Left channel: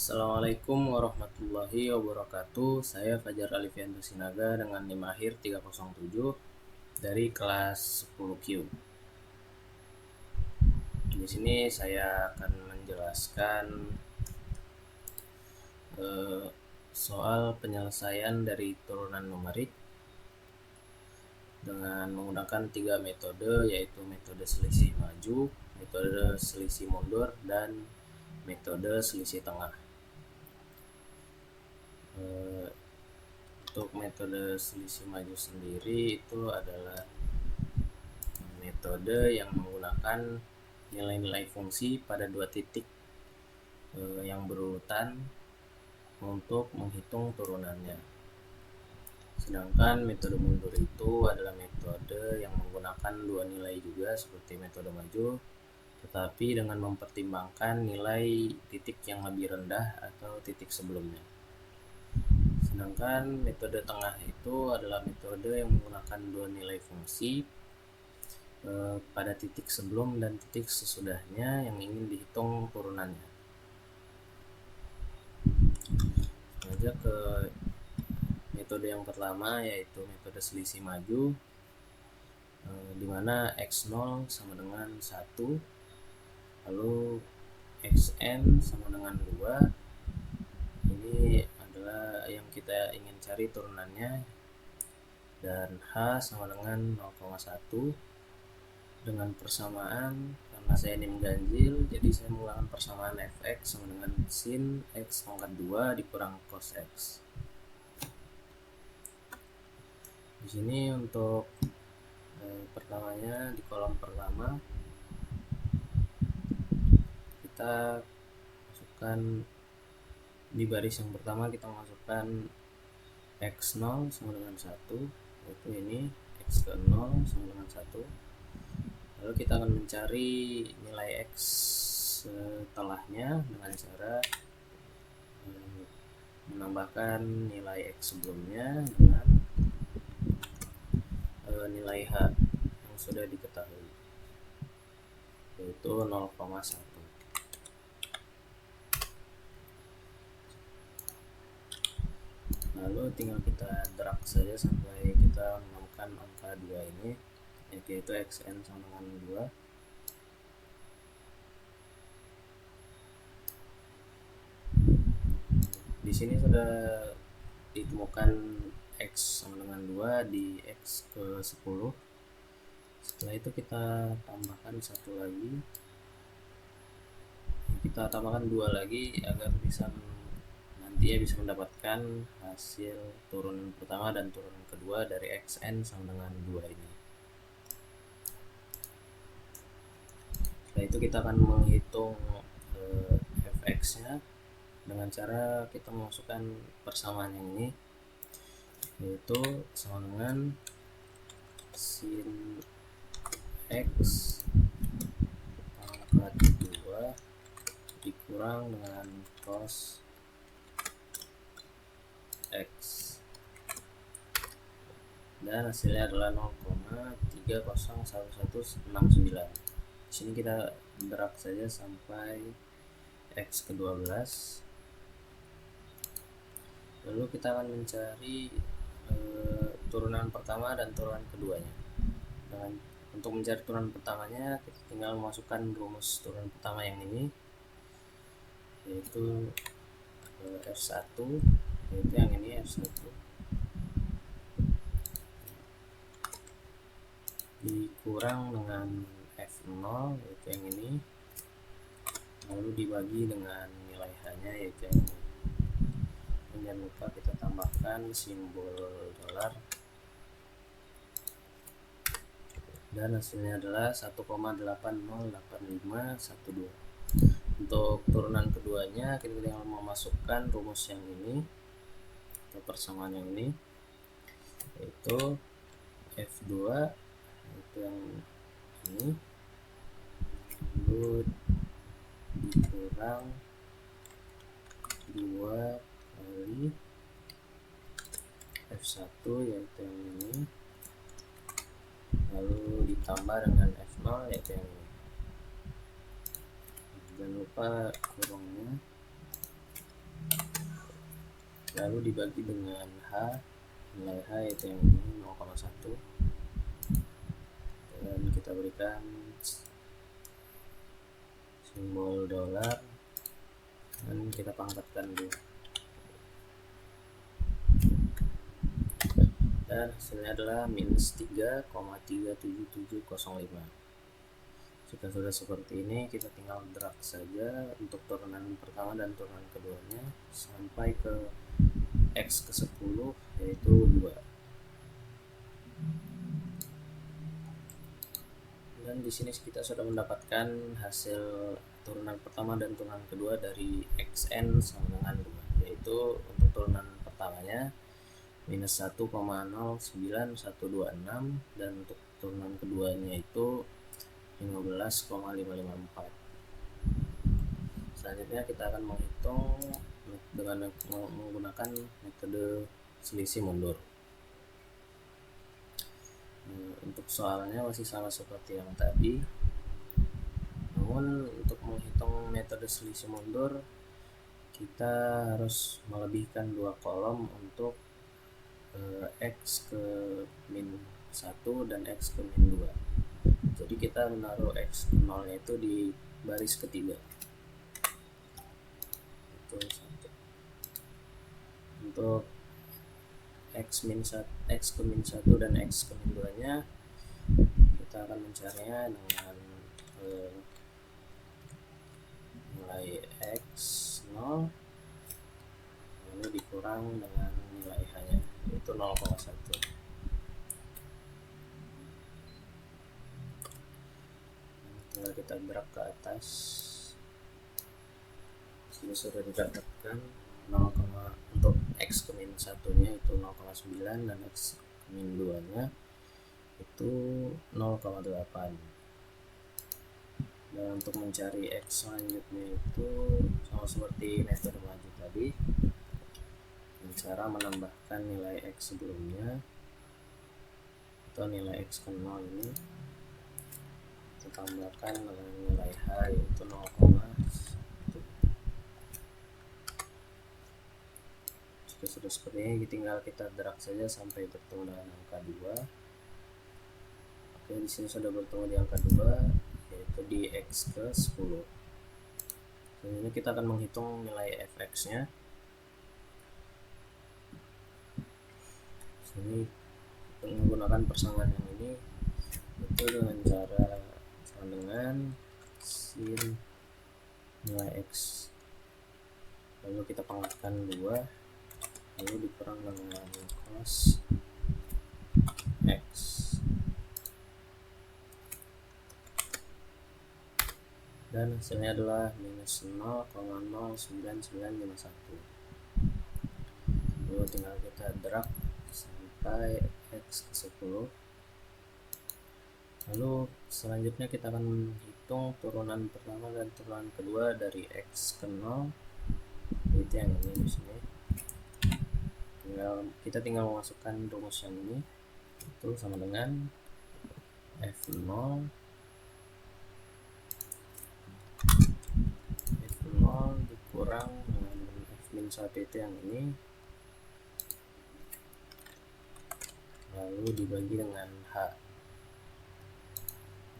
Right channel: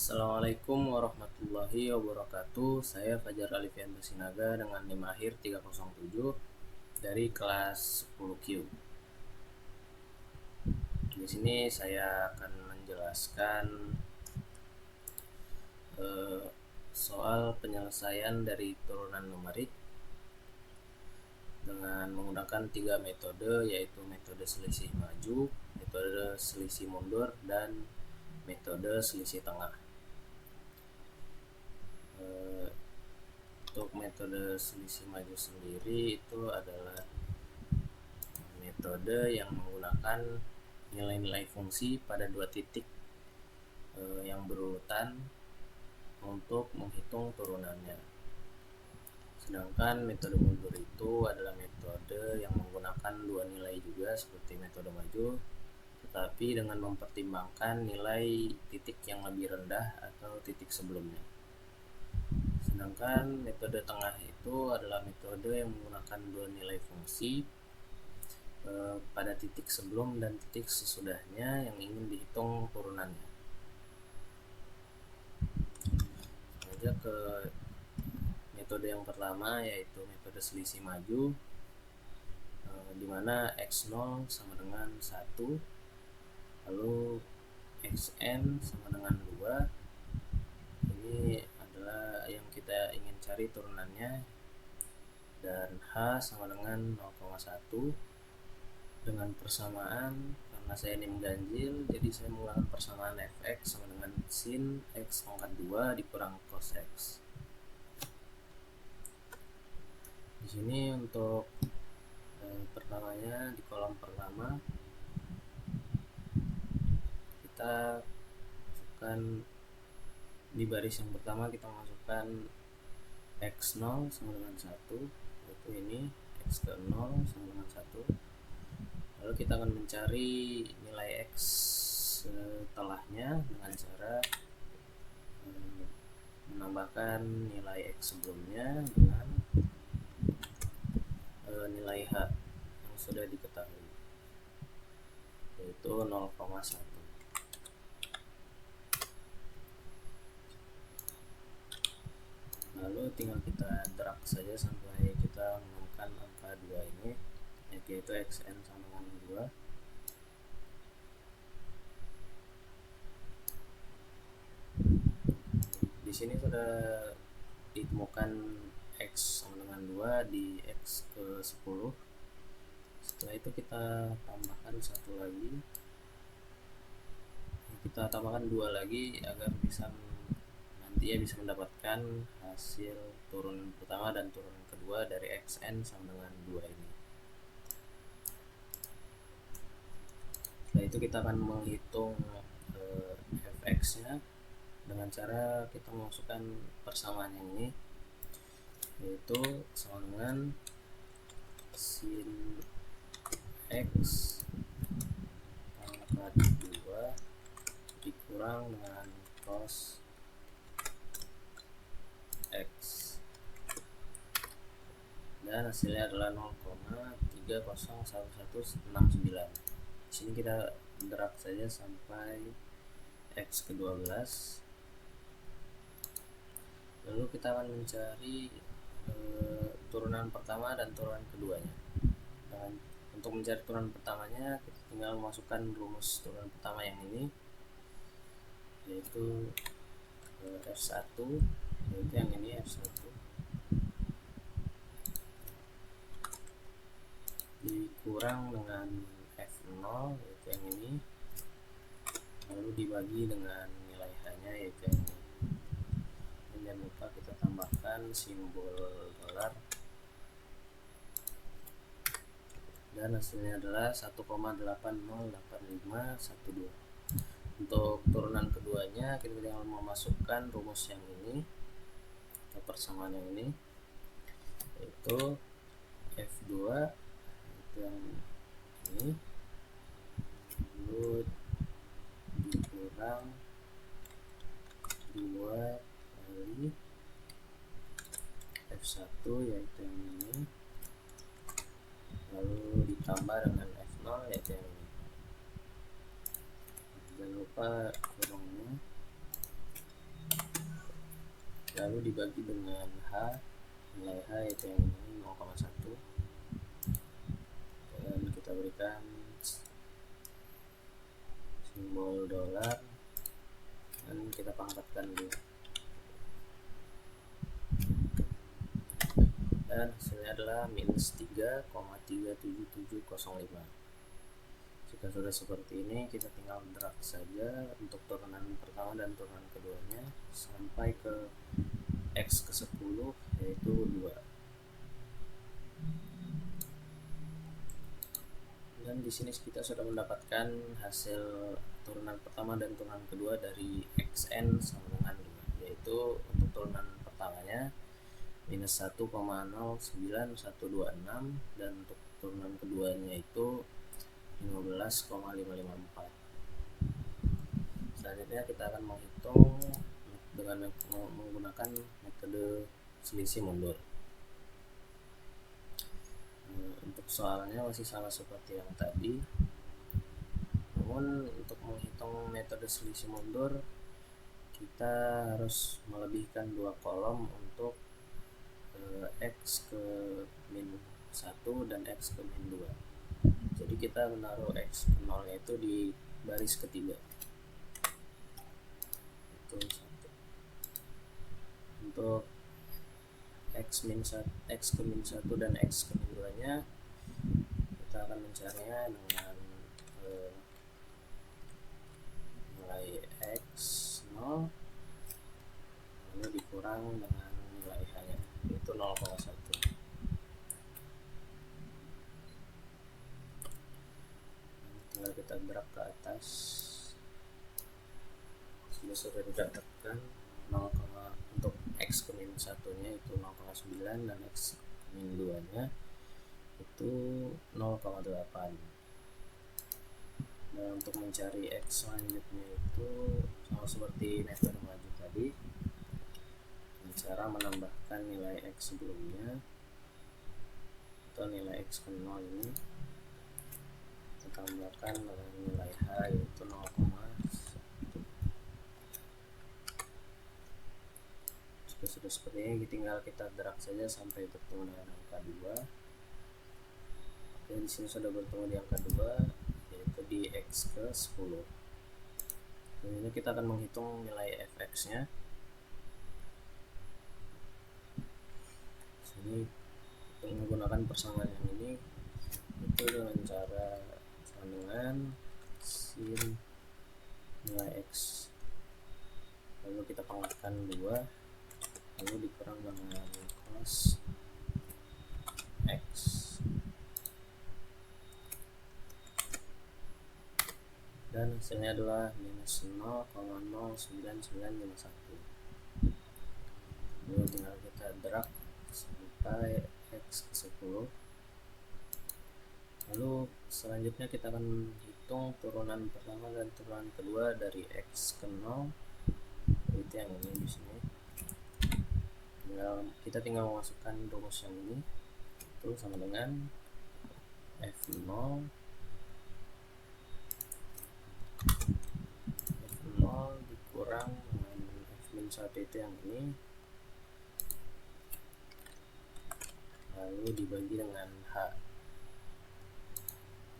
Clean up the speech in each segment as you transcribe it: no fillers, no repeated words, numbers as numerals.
Assalamualaikum warahmatullahi wabarakatuh. Saya Fajar Alifianto Sinaga dengan NIM akhir 307 dari kelas 10Q. Di sini saya akan menjelaskan soal penyelesaian dari turunan numerik dengan menggunakan 3 metode, yaitu metode selisih maju, metode selisih mundur, dan metode selisih tengah. Untuk metode selisih maju sendiri itu adalah metode yang menggunakan nilai-nilai fungsi pada dua titik yang berurutan untuk menghitung turunannya. Sedangkan metode mundur itu adalah metode yang menggunakan dua nilai juga seperti metode maju, tetapi dengan mempertimbangkan nilai titik yang lebih rendah atau titik sebelumnya. Sedangkan metode tengah itu adalah metode yang menggunakan dua nilai fungsi pada titik sebelum dan titik sesudahnya yang ingin dihitung turunannya. Saja ke metode yang pertama, yaitu metode selisih maju, di mana x0 sama dengan 1, lalu xn sama dengan 2. Ini adalah yang kita ingin cari turunannya, dan h sama dengan 0,1. Dengan persamaan, karena saya ini mengganjil, jadi saya menggunakan persamaan fx sama dengan sin x pangkat 2 dikurang cos x. Di sini untuk pertamanya, di kolom pertama kita masukkan, di baris yang pertama kita masukkan x0 sama dengan 1, yaitu ini x ke 0 sama dengan 1. Lalu kita akan mencari nilai x setelahnya dengan cara menambahkan nilai x sebelumnya dengan nilai h yang sudah diketahui, yaitu 0,1. Lalu tinggal kita drag saja sampai kita menemukan angka 2 ini, yaitu xn sama dengan 2. Di sini sudah ditemukan x sama dengan 2 di x ke 10. Setelah itu kita tambahkan satu lagi, kita tambahkan 2 lagi agar bisa nantinya bisa mendapatkan hasil turunan pertama dan turunan kedua dari xn sama dengan 2 ini. Setelah itu kita akan menghitung fx nya dengan cara kita memasukkan persamaan yang ini, yaitu sama dengan sin x pangkat 2 dikurang dengan cos x, dan hasilnya adalah 0,301169. Di sini kita drag saja sampai x ke 12. Lalu kita akan mencari turunan pertama dan turunan keduanya. Dan untuk mencari turunan pertamanya, kita tinggal memasukkan rumus turunan pertama yang ini, yaitu f1, yaitu yang ini f1 dikurang dengan f0, yaitu yang ini, lalu dibagi dengan nilai h nya, yaitu yang ini. Jangan lupa kita tambahkan simbol dolar, dan hasilnya adalah 1,808512. Untuk turunan keduanya kita tinggal memasukkan rumus yang ini atau persamaan yang ini, yaitu f2, yaitu yang ini, lalu dikurang 2 kali f1, yaitu yang ini, lalu ditambah dengan f0, yaitu yang ini. Jangan lupa kurungnya. lalu dibagi dengan H, nilai H yaitu yang ini 0,1, dan kita berikan simbol dolar dan kita pangkatkan dulu, dan hasilnya adalah minus 3,37705. Jika sudah seperti ini, kita tinggal drag saja untuk turunan pertama dan turunan keduanya sampai ke X ke 10 yaitu 2. Dan di sini kita sudah mendapatkan hasil turunan pertama dan turunan kedua dari xn sama dengan 2, yaitu untuk turunan pertamanya minus 1,09126 dan untuk turunan keduanya itu 15,554. Selanjutnya kita akan menghitung dengan menggunakan metode selisih mundur. Untuk soalnya masih sama seperti yang tadi, namun untuk menghitung metode selisih mundur kita harus melebihkan 2 kolom untuk X ke min 1 dan X ke min 2. Jadi kita menaruh X ke 0 nya itu di baris ketiga. Itu 1. Untuk X ke min 1 dan X ke min 2 nya kita akan mencarinya dengan nilai X 0 lalu dikurang dengan nilai H nya yaitu 0,1. Tinggal kita drag ke atas. Sini sudah didapatkan 0, untuk X ke min 1 nya itu 0,9 dan X ke min 2 nya itu 0,8. Dan untuk mencari X selanjutnya itu sama seperti metode maju tadi, dengan cara menambahkan nilai X sebelumnya atau nilai X ke 0 ini kita tambahkan dengan nilai H yaitu 0,1. Jika sudah seperti ini, tinggal kita drag saja sampai bertemu dengan angka 2. Oke, di sini sudah bertemu di angka 2 yaitu di X ke 10. Ini kita akan menghitung nilai fx nya. Sini menggunakan persamaan yang ini itu dengan cara sama dengan sin nilai X lalu kita pangkatkan 2 lalu dikurang dengan cos X, dan hasilnya adalah minus 0,09951. Lalu tinggal kita drag sampai X ke 10. Lalu selanjutnya kita akan menghitung turunan pertama dan turunan kedua dari X ke 0 itu yang ini di sini. Kita tinggal memasukkan rumus yang ini, itu sama dengan F0 dikurang dengan F-1 itu yang ini lalu dibagi dengan H.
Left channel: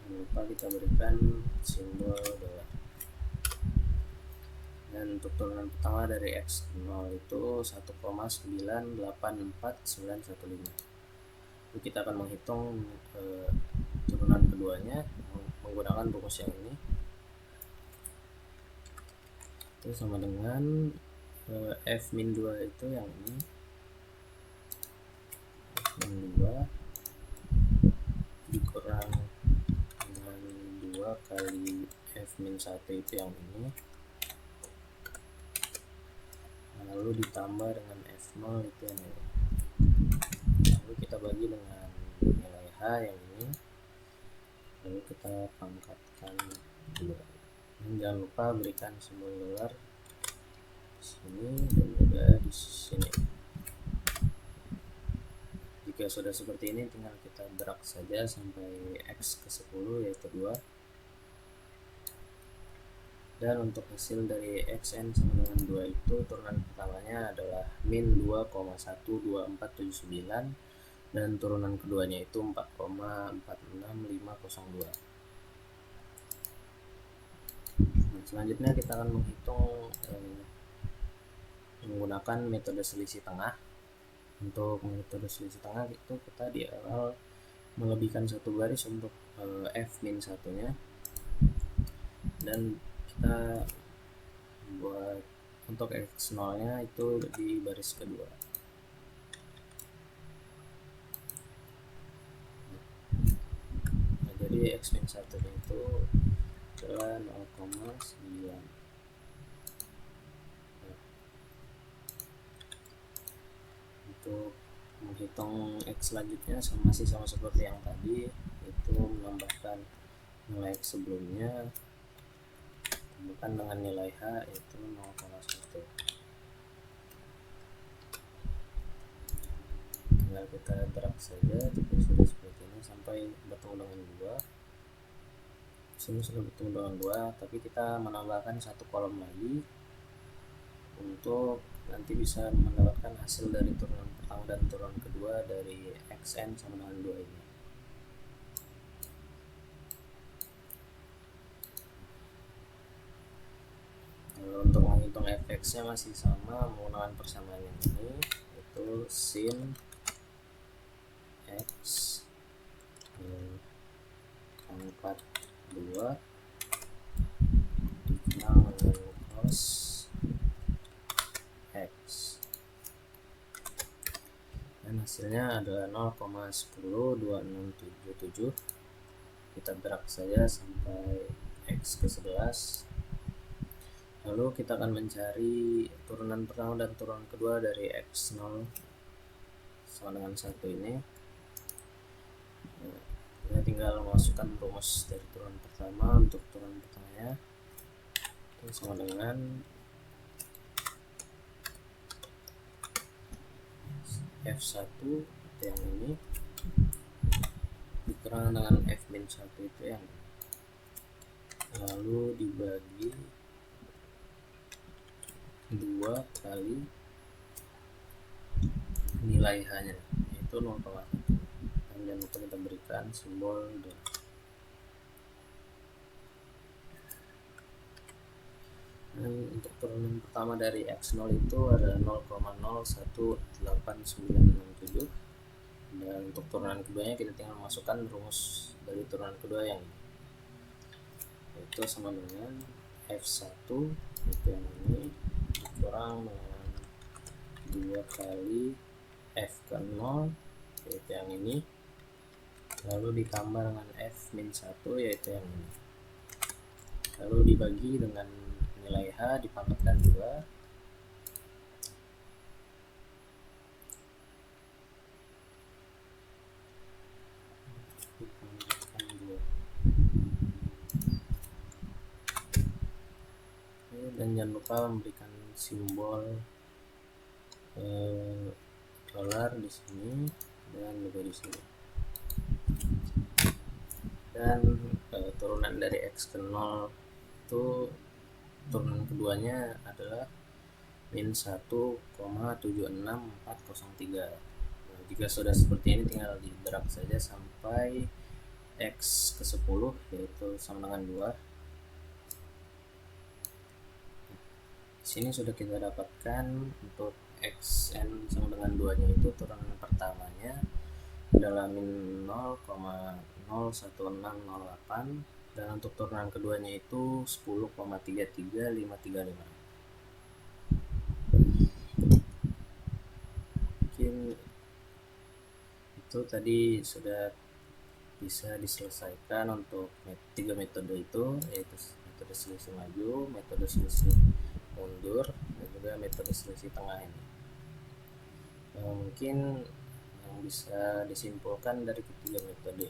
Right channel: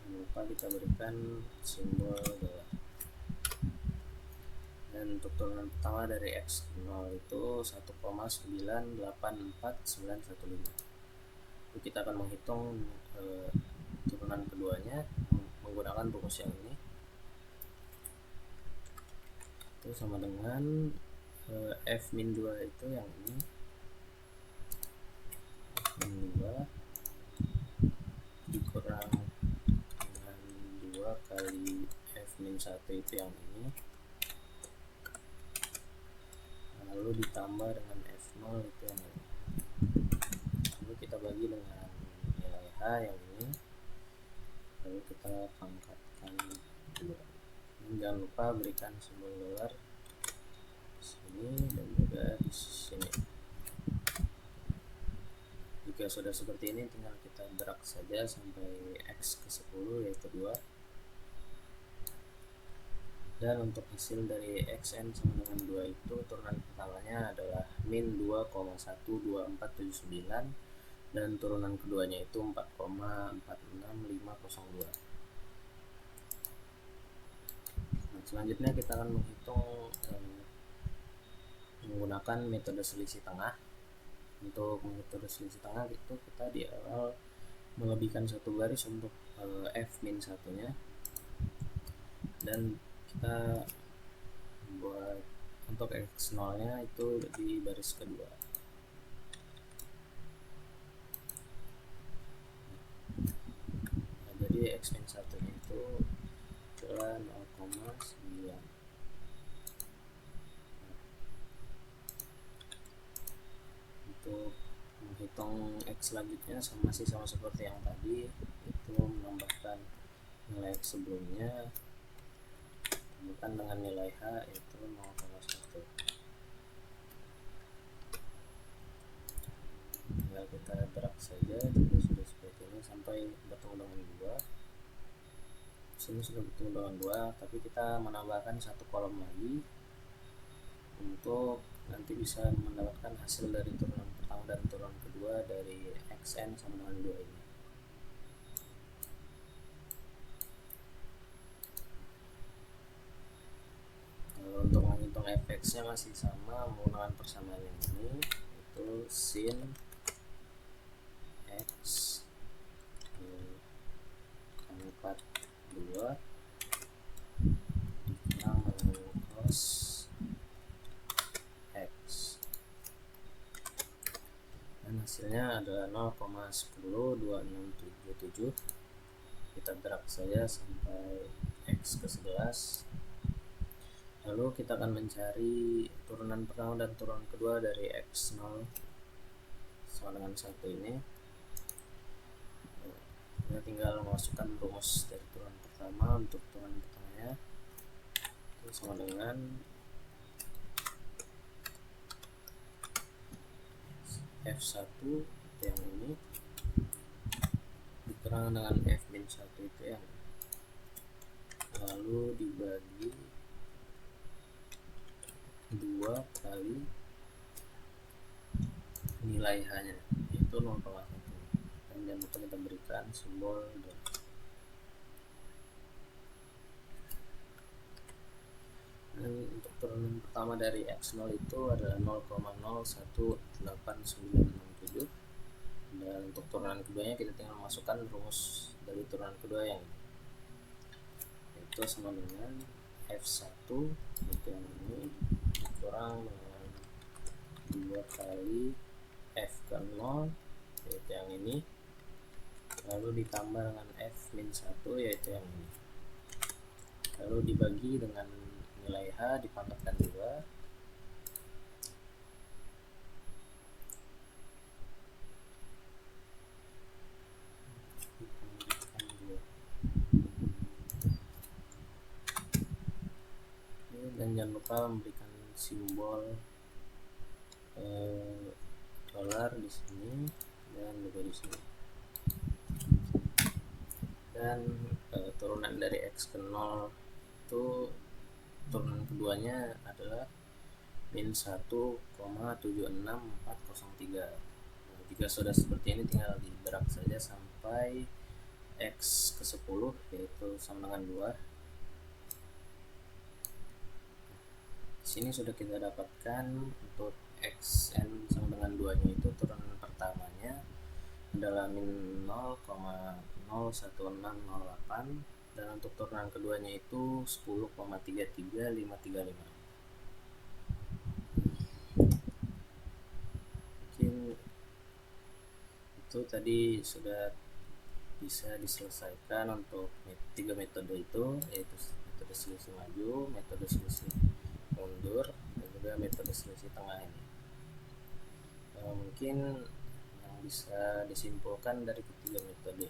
Jangan lupa kita berikan simbol dolar. Dan untuk turunan pertama dari X ke 0 itu 1,984915. Lalu kita akan menghitung turunan keduanya menggunakan rumus yang ini. Itu sama dengan F-2 itu yang ini. F-2 dikurang dengan 2 kali F-1 itu yang ini. Lalu ditambah dengan F0 itu yang ini. Lalu kita bagi dengan nilai H yang ini. Lalu kita pangkatkan 2. Dan jangan lupa berikan simbol dolar di sini dan juga di sini. Jika sudah seperti ini, tinggal kita drag saja sampai X ke 10 yaitu 2. Dan untuk hasil dari xn sama dengan 2 itu turunan pertamanya adalah min 2,12479 dan turunan keduanya itu 4,46502. Nah, selanjutnya kita akan menghitung menggunakan metode selisih tengah. Untuk metode selisih tengah itu kita di awal melebihkan satu garis untuk f min satunya, dan kita buat untuk x0 nya itu di baris kedua. Nah, jadi x min satunya itu adalah 0,9. Untuk menghitung x selanjutnya masih sama seperti yang tadi, itu menambahkan nilai x sebelumnya tambahkan dengan nilai h yaitu 0,1. Tinggal kita drag saja jika sudah seperti ini sampai bertemu dengan 2. Sini sudah bertemu dengan 2, tapi kita menambahkan satu kolom lagi untuk nanti bisa mendapatkan hasil dari turunan pertama dan turunan kedua dari xn sama dengan 2 ini. Untuk menghitung fx-nya masih sama menggunakan persamaan yang ini, yaitu sin x pangkat 2 dikurang dengan cos x, dan hasilnya adalah 0,102677. Kita drag saja sampai x ke 11. Lalu kita akan mencari turunan pertama dan turunan kedua dari x0 sama dengan 1 ini. Kita tinggal memasukkan rumus dari turunan pertama. Untuk turunan pertamanya itu sama dengan f1 itu yang ini dikurang dengan f min 1 itu yang ini, lalu dibagi 2 kali nilai h nya yaitu 0,1, dan jangan lupa kita berikan simbol dan. Dan untuk turunan pertama dari x0 itu adalah 0,018967, dan untuk turunan keduanya kita tinggal masukkan rumus dari turunan kedua yang ini, yaitu sama dengan f1 itu yang ini dikurang dengan 2 kali f ke 0 yaitu yang ini, lalu ditambah dengan f min 1 yaitu yang ini, lalu dibagi dengan nilai h dipangkatkan 2. Dan jangan lupa memberikan simbol dolar di sini dan juga di sini. Dan turunan dari x ke 0 itu turunan keduanya adalah min 1,76403. Nah, jika sudah seperti ini tinggal di drag saja sampai x ke 10 yaitu sama dengan 2. Sini sudah kita dapatkan untuk xn sama dengan 2 nya itu turunan pertamanya adalah min 0,016608, dan untuk turunan keduanya itu 10,33535. Mungkin itu tadi sudah bisa diselesaikan untuk 3 metode itu, yaitu metode selisih maju, metode selisih mundur, dan juga metode selisih tengah ini. Mungkin yang bisa disimpulkan dari ketiga metode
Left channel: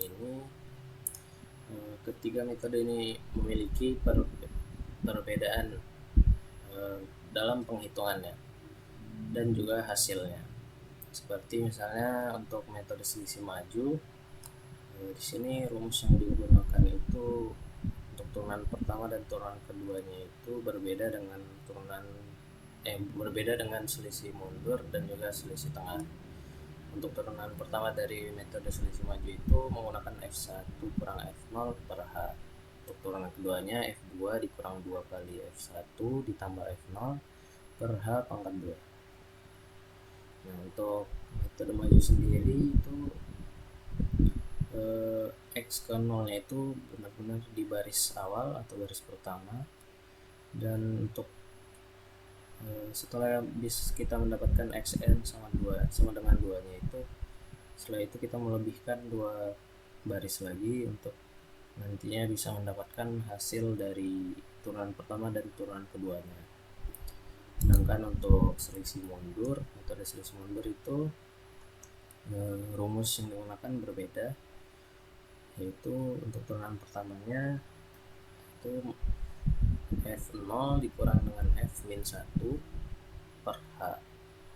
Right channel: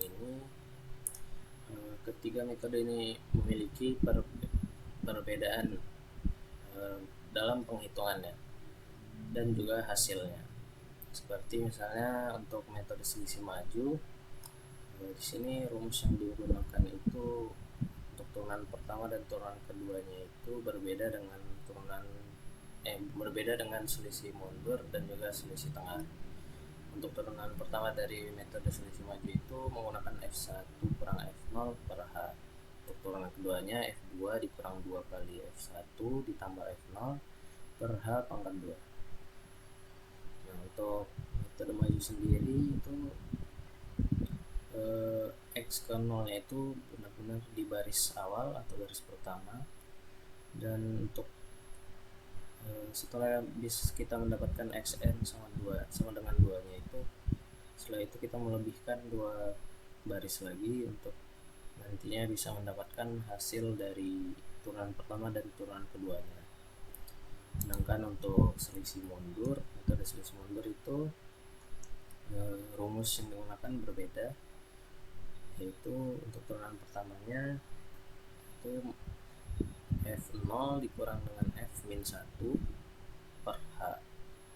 ini, memiliki perbedaan dalam penghitungannya dan juga hasilnya. Seperti misalnya untuk metode selisih maju, di sini rumus yang digunakan itu untuk turunan pertama dan turunan keduanya itu berbeda dengan selisih mundur dan juga selisih tengah. Untuk turunan pertama dari metode selisih maju itu menggunakan F1 kurang F0 per H. Untuk turunan keduanya F2 dikurang 2 kali F1 ditambah F0 per H pangkat 2. Nah, untuk metode maju sendiri itu X ke 0 nya itu benar-benar di baris awal atau baris pertama, dan untuk setelah kita mendapatkan xn sama dengan 2 nya itu, setelah itu kita melebihkan 2 baris lagi untuk nantinya bisa mendapatkan hasil dari turunan pertama dan turunan keduanya. Sedangkan untuk selisih mundur, metode selisih mundur itu rumus yang digunakan berbeda, yaitu untuk turunan pertamanya itu F0 dikurang dengan F-1 per H.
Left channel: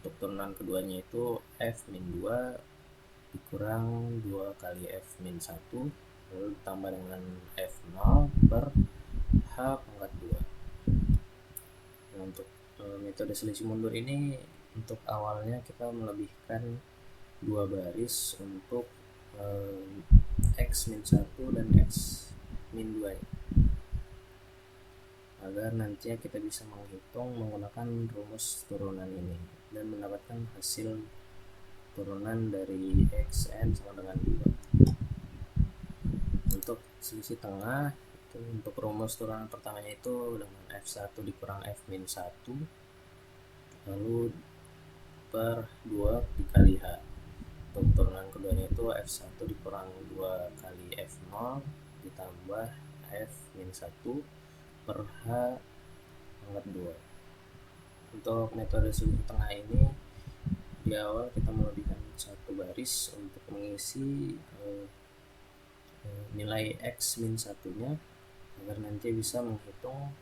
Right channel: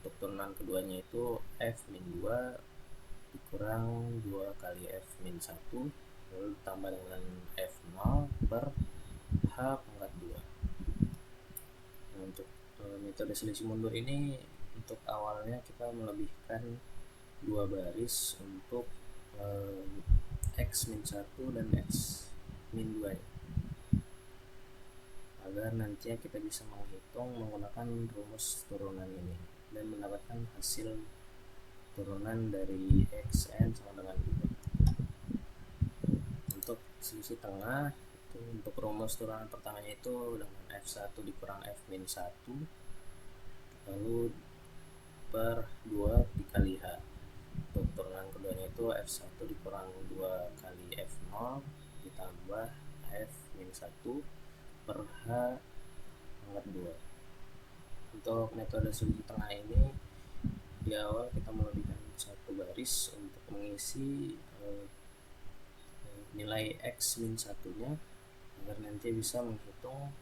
Untuk turunan keduanya itu F-2 dikurang 2 kali F-1 lalu ditambah dengan F0 per H pangkat 2. Nah, untuk metode selisih mundur ini, untuk awalnya kita melebihkan 2 baris untuk X-1 dan X-2 agar nantinya kita bisa menghitung menggunakan rumus turunan ini dan mendapatkan hasil turunan dari xn sama dengan 2. Untuk selisih tengah itu, untuk rumus turunan pertamanya itu dengan F1 dikurang F-1 lalu per 2 dikali H. Untuk turunan keduanya itu F1 dikurang 2 kali F0 ditambah F-1 per H pangkat 2. Untuk metode selisih tengah ini, di awal kita melebihkan 1 baris untuk mengisi nilai X-1 nya agar nanti bisa menghitung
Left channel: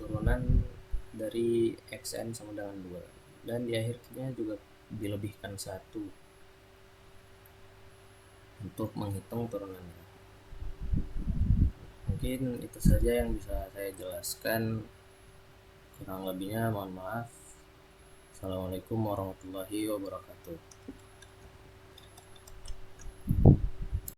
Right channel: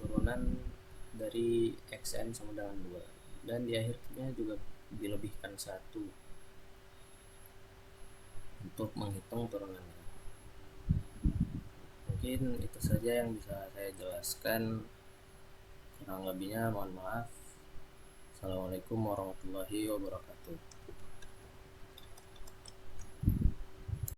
turunan dari xn sama dengan 2, dan di akhirnya juga dilebihkan 1 untuk menghitung turunannya. Mungkin itu saja yang bisa saya jelaskan, kurang lebihnya mohon maaf. Assalamualaikum warahmatullahi wabarakatuh.